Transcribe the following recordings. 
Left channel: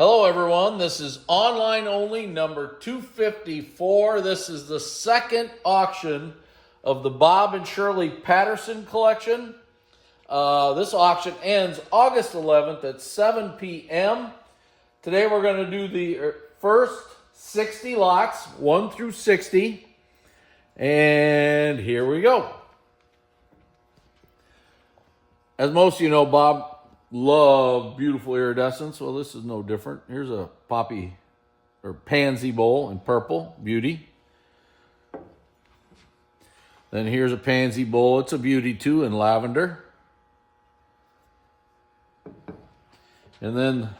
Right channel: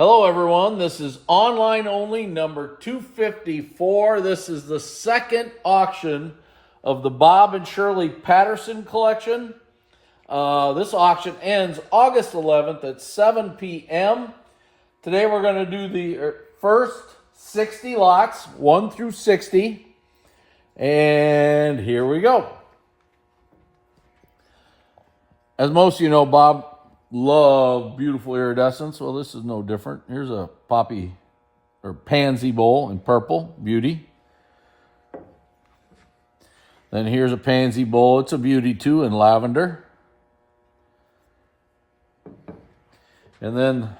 Hello everyone, this is online only number 254. This is the second auction of the Bob and Shirley Patterson Collection. This auction ends August 11th at 7 p.m. Today we're going to do the first 60 lots, 1 through 60. And here we go. As most of you know, Bob loved beautiful iridescence. Well, this is no different. Here's a poppy or pansy bowl in purple, beauty. Then here's a pansy bowl. It's a beauty too in lavender. And then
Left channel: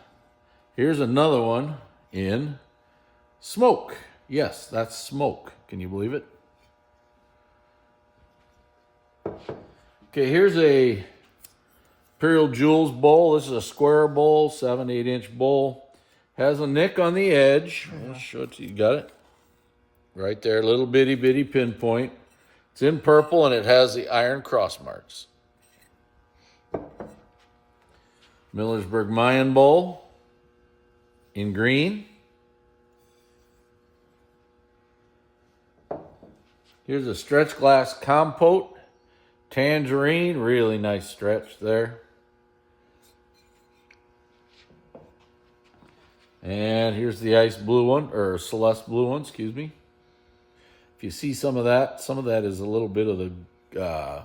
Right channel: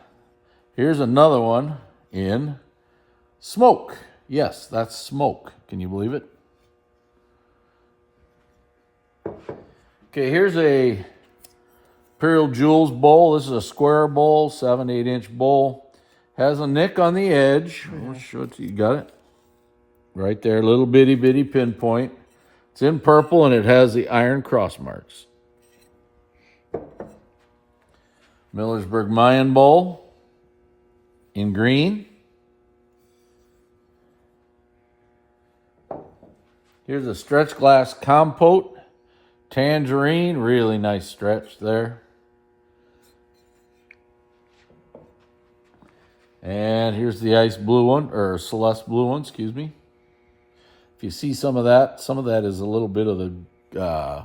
here's another one in smoke. Yes, that's smoke. Can you believe it? Okay, here's a Imperial Jewels bowl. This is a square bowl, 7-8 inch bowl. Has a nick on the edge. I'll show it to you. You got it? Right there, little bitty pinpoint. It's in purple and it has the iron cross marks. Millersburg Mayan bowl in green. Here's a stretch glass compote, tangerine, really nice stretch there. And here's the ice blue one, or Celeste blue one, excuse me. If you see some of that is a little bit of the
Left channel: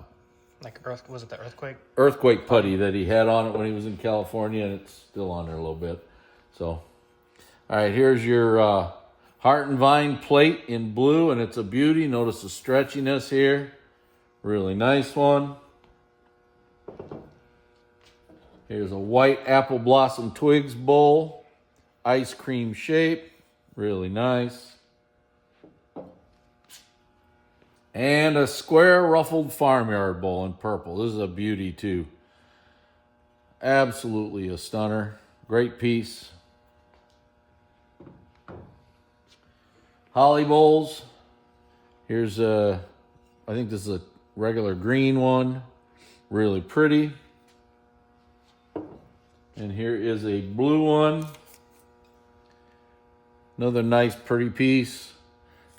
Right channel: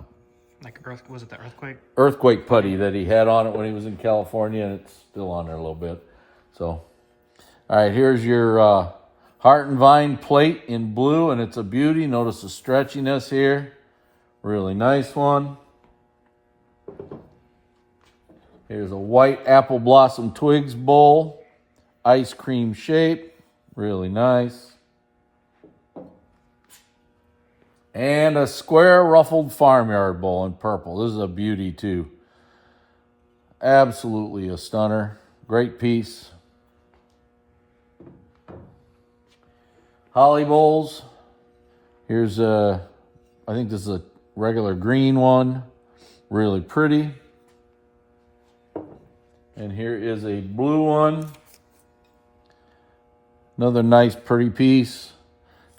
was it the earthquake? Earthquake putty that he had on it when he was in California, and it's still on there a little bit. So, all right, here's your Heart and Vine plate in blue, and it's a beauty. Notice the stretchiness here. Really nice one. Here's a white apple blossom twigs bowl. Ice cream shape. Really nice. And a square ruffled farmyard bowl in purple. This is a beauty too. Absolutely a stunner. Great piece. Holly bowls. Here's I think this is a regular green one. Really pretty. And here is a blue one. Another nice pretty piece.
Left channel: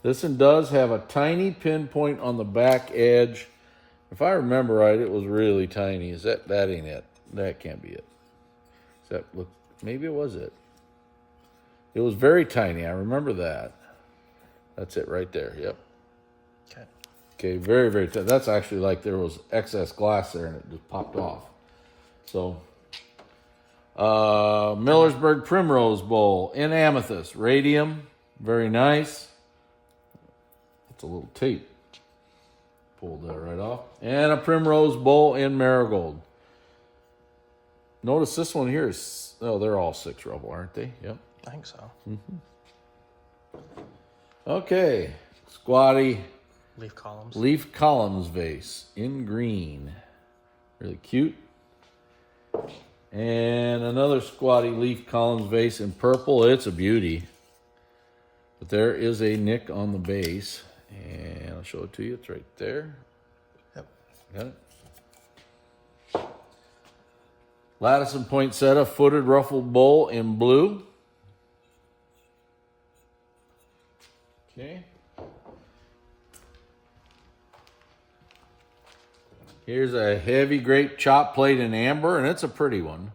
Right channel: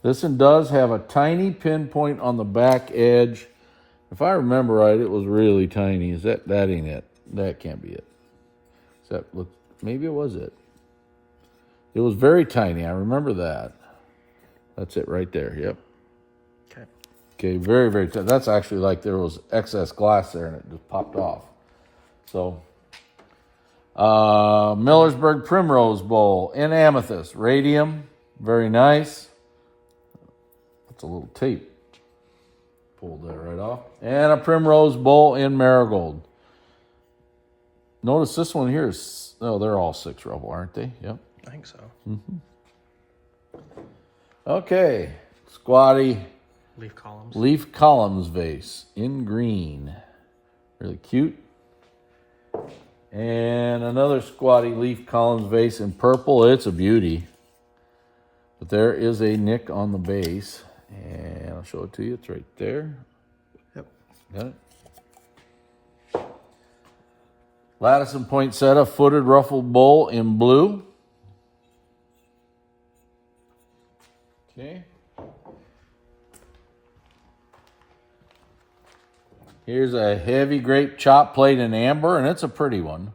This one does have a tiny pinpoint on the back edge. If I remember right, it was really tiny. Is that ain't it? That can't be it. Does that look, maybe it was it. It was very tiny. I remember that. That's it right there. Yep. Okay, very tiny. That's actually like there was excess glass there and it just popped off. So, Millersburg Primrose Bowl in amethyst, radium, very nice. That's a little tape. Pulled that right off. And a Primrose Bowl in marigold. Notice this one here is, oh, they're all 6 rubble, aren't they? Yep. I think so. Okay, squatty Leaf columns vase in green. Really cute. And another squatty leaf columns vase in purple. It's a beauty. But there is a nick on the base. And I'll show it to you. It's right there. Yep. Got it? Lattice and poinsettia footed ruffled bowl in blue. Okay. Here's a heavy grape chop plate in amber, and it's a pretty one.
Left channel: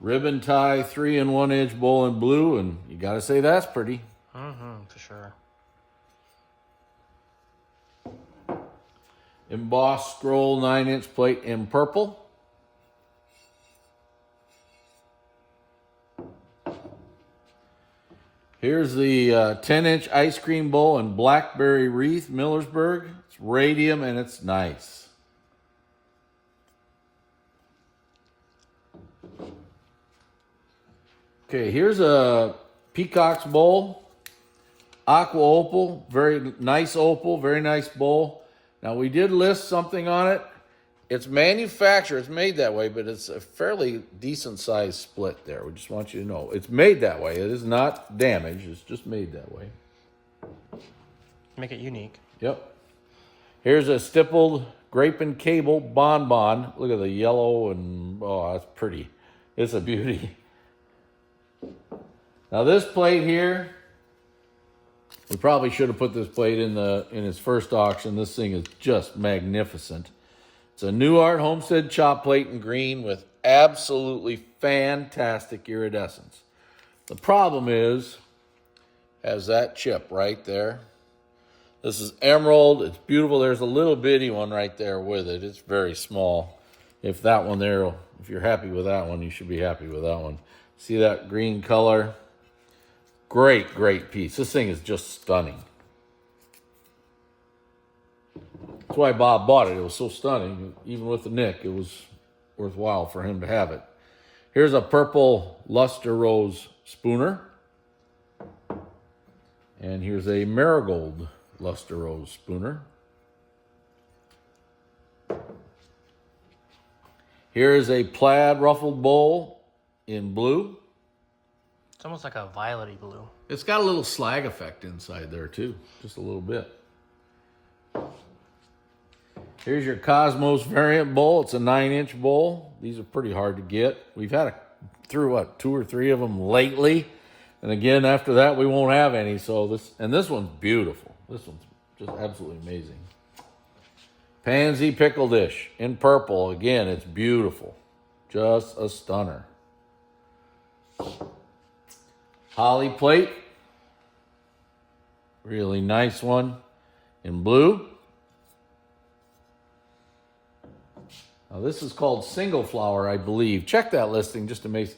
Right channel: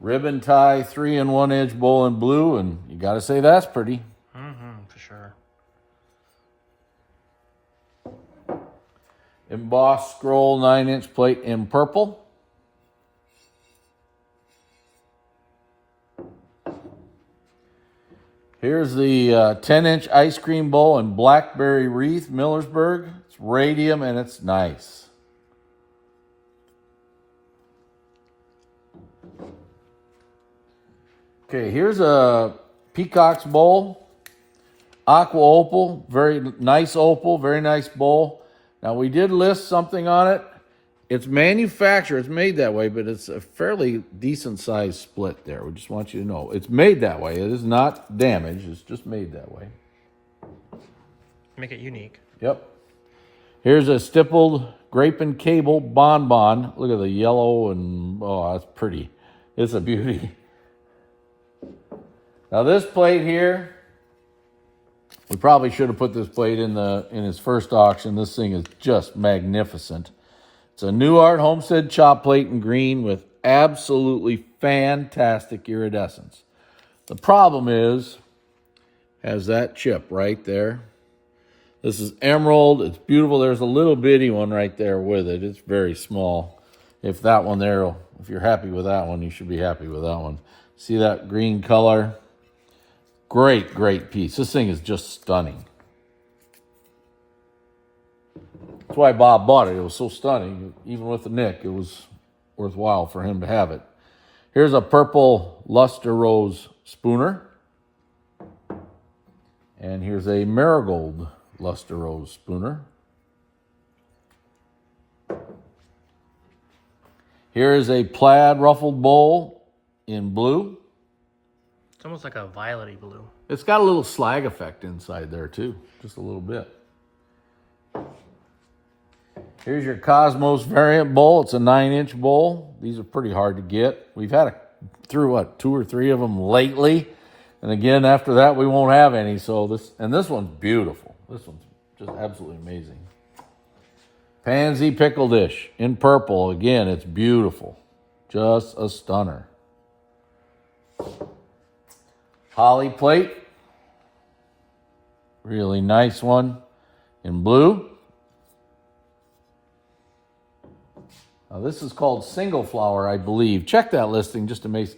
Ribbon tie 3 and 1 inch bowl in blue, and you got to say that's pretty. For sure. Embossed scroll 9 inch plate in purple. Here's the 10 inch ice cream bowl in blackberry wreath, Millersburg. It's radium and it's nice. Okay, here's a peacock's bowl. Aqua opal, very nice opal, very nice bowl. Now we did list something on it. It's manufactured, it's made that way, but it's a fairly decent sized split there. We just want you to know. It's made that way. It is not damaged. It's just made that way. Make it unique. Yep. Here's a stippled Grape and Cable Bonbon. Look at the yellow and, oh, that's pretty. It's a beauty. Now this plate here, we probably should have put this plate in his first auction. This thing is just magnificent. It's a New Art Homestead chop plate in green with absolutely fantastic iridescence. The problem is, has that chip right there. This is emerald. It's beautiful. There's a little bitty one right there with it. It's very small. If that one there, if you're happy with that one, you should be happy with that one. See that green color? Great, great piece. This thing is just stunning. That's why Bob bought it. It was so stunning. Even with the nick, it was worthwhile for him to have it. Here's a purple luster rose spooner. And here's a marigold luster rose spooner. Here is a plaid ruffled bowl in blue. It's almost like a violety blue. It's got a little slag effect inside there too, just a little bit. Here's your Cosmos variant bowl. It's a 9-inch bowl. These are pretty hard to get. We've had through 2 or 3 of them lately. And again, after that, we won't have any. So this one's beautiful. This one's just absolutely amazing. Pansy pickle dish in purple. Again, it's beautiful. Just a stunner. Holly plate. Really nice one in blue. Now this is called single flower, I believe. Check that listing just to make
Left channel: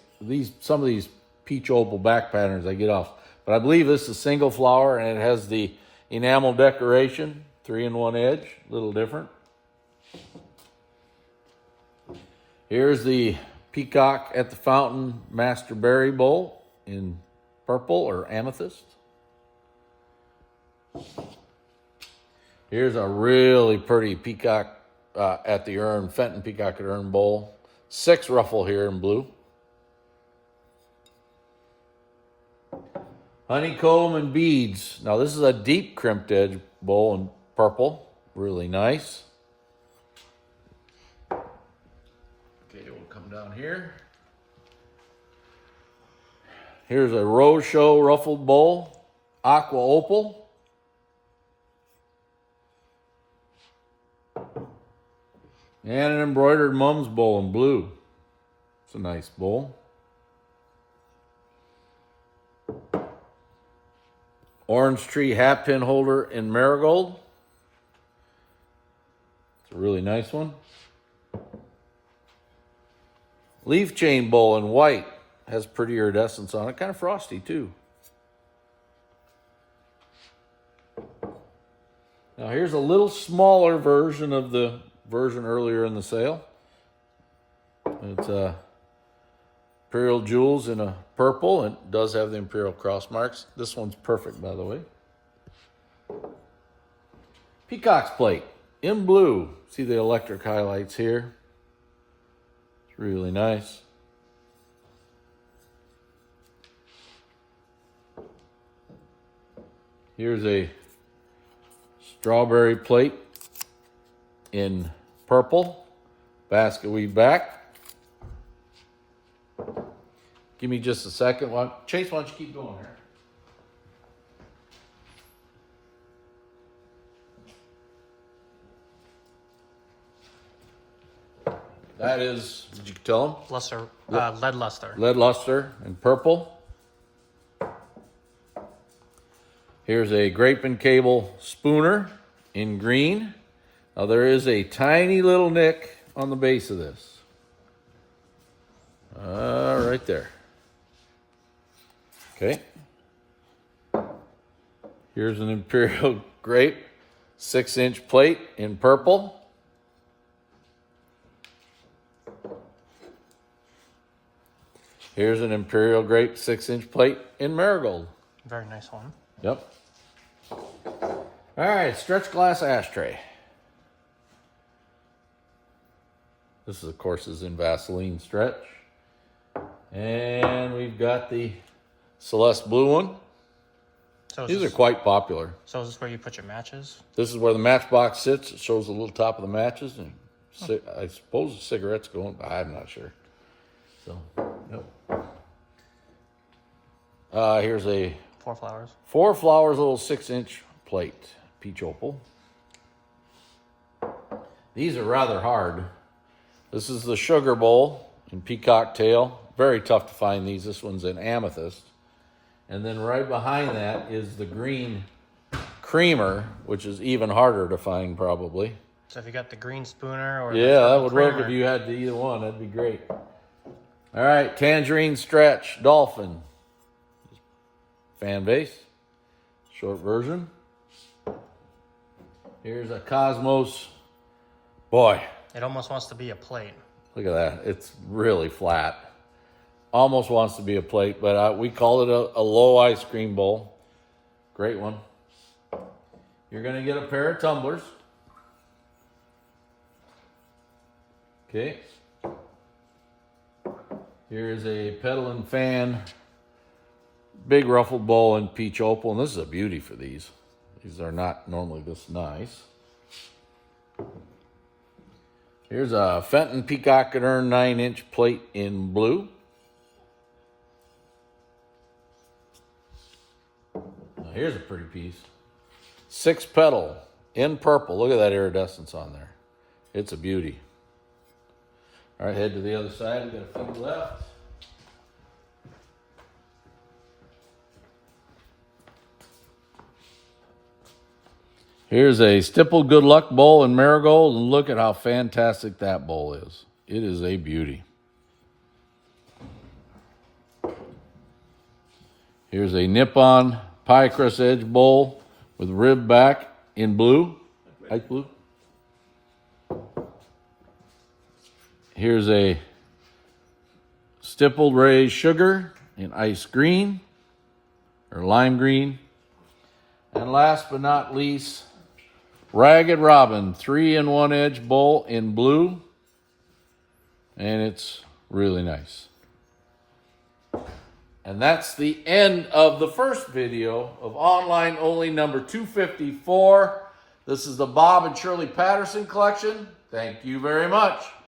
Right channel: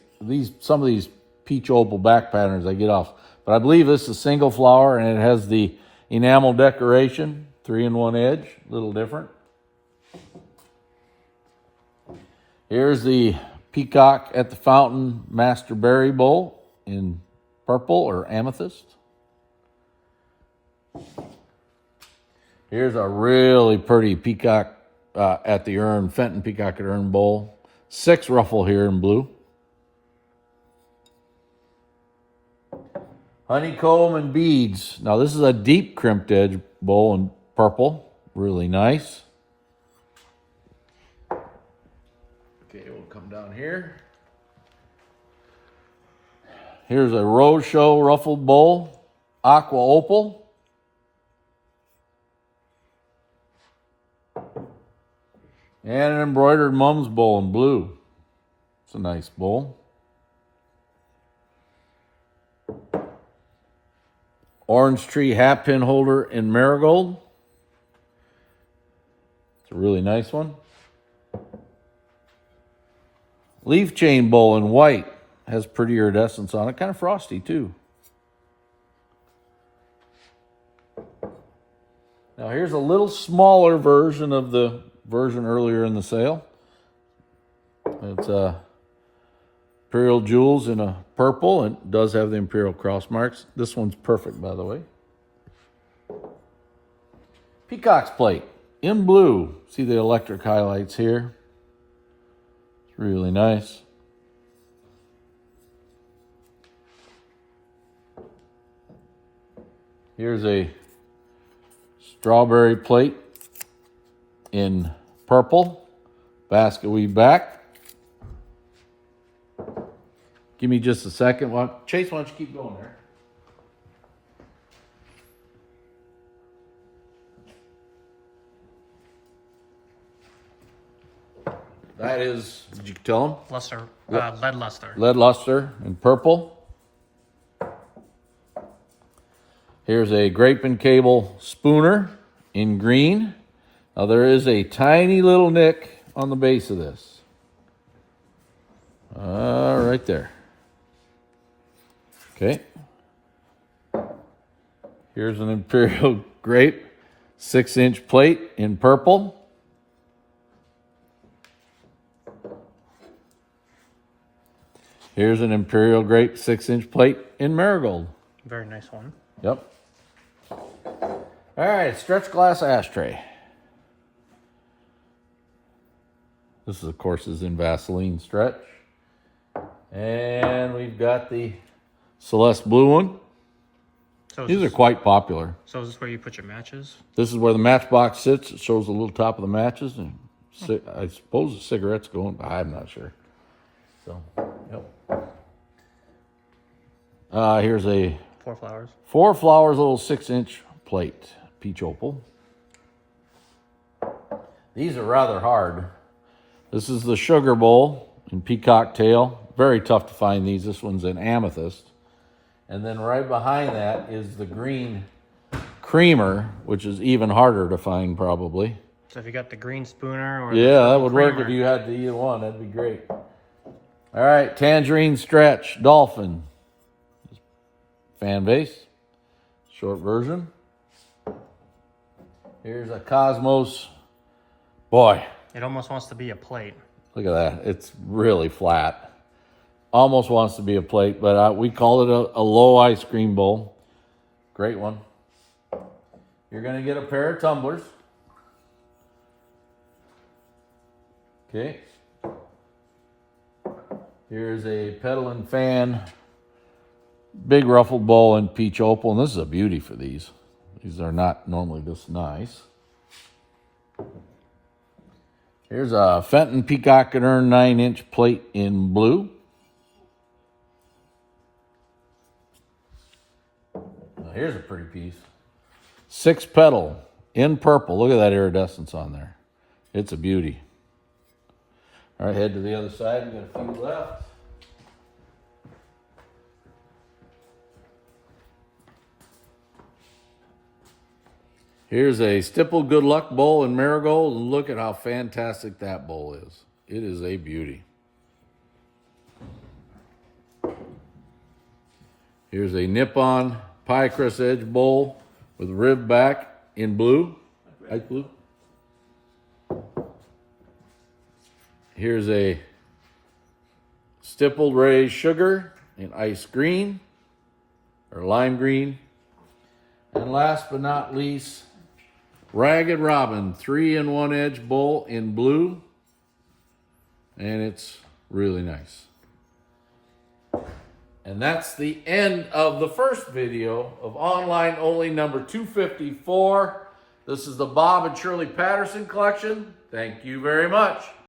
some of these peach opal back patterns I get off. But I believe this is single flower, and it has the enamel decoration, 3-in-1 edge, a little different. Here's the Peacock at the Fountain Master Berry Bowl in purple or amethyst. Here's a really pretty Peacock at the Urn, Fenton Peacock at Urn Bowl. 6 ruffle here in blue. Honeycomb and beads. Now this is a deep crimped edge bowl in purple. Really nice. Okay, we'll come down here. Here's a Rose Show ruffled bowl. Aqua opal. And an embroidered mum's bowl in blue. It's a nice bowl. Orange tree hat pin holder in marigold. It's a really nice one. Leaf chain bowl in white. Has pretty iridescence on it. Kind of frosty too. Now here's a little smaller version of the version earlier in the sale. It's Imperial Jewels in a purple, and it does have the Imperial cross marks. This one's perfect, by the way. Peacock's plate in blue. See the electric highlights here. It's really nice. Here's a strawberry plate in purple, basket weave back. Give me just a second. Chase, why don't you keep going there? That is, did you tell him? Luster, lead luster. Lead luster in purple. Here's a Grape and Cable spooner in green. Now there is a tiny little nick on the base of this. Right there. Okay. Here's an Imperial Grape 6-inch plate in purple. Here's an Imperial Grape 6-inch plate in marigold. Very nice one. Yep. All right, stretch glass ashtray. This is, of course, is in Vaseline stretch. And we've got the Celeste blue one. So These are quite popular. So is this where you put your matches? This is where the matchbox sits. It shows the little top of the matches, and I suppose the cigarettes going, but I'm not sure. So, yep. Here's a 4 flowers. 4 flowers, little 6-inch plate, peach opal. These are rather hard. This is the sugar bowl in peacock tail. Very tough to find these. This one's in amethyst. And then right behind that is the green creamer, which is even harder to find probably. So if you got the green spooner or Yeah, the that would creamer. work if you had to either one. That'd be great. All right, tangerine stretch dolphin. Fan base. Short version. Here's a Cosmos. Boy, It almost wants to be a plate. look at that. It's really flat. Almost wants to be a plate, but we call it a low ice cream bowl. Great one. You're going to get a pair of tumblers. Okay. Here's a pedal and fan, big ruffled bowl in peach opal. And this is a beauty for these. These are not normally this nice. Here's a Fenton Peacock and Urn 9-inch plate in blue. Now here's a pretty piece. 6 petal in purple. Look at that iridescence on there. It's a beauty. All right, head to the other side. We've got a few left. Here's a stippled good luck bowl in marigold, and look at how fantastic that bowl is. It is a beauty. Here's a Nippon pie crust edge bowl with rib back in blue, light blue. Here's a stippled raised sugar in ice green or lime green. And last but not least, Ragged Robin 3-in-1 edge bowl in blue. And it's really nice. And that's the end of the first video of Online Only number 254. This is the Bob and Shirley Patterson Collection. Thank you very much.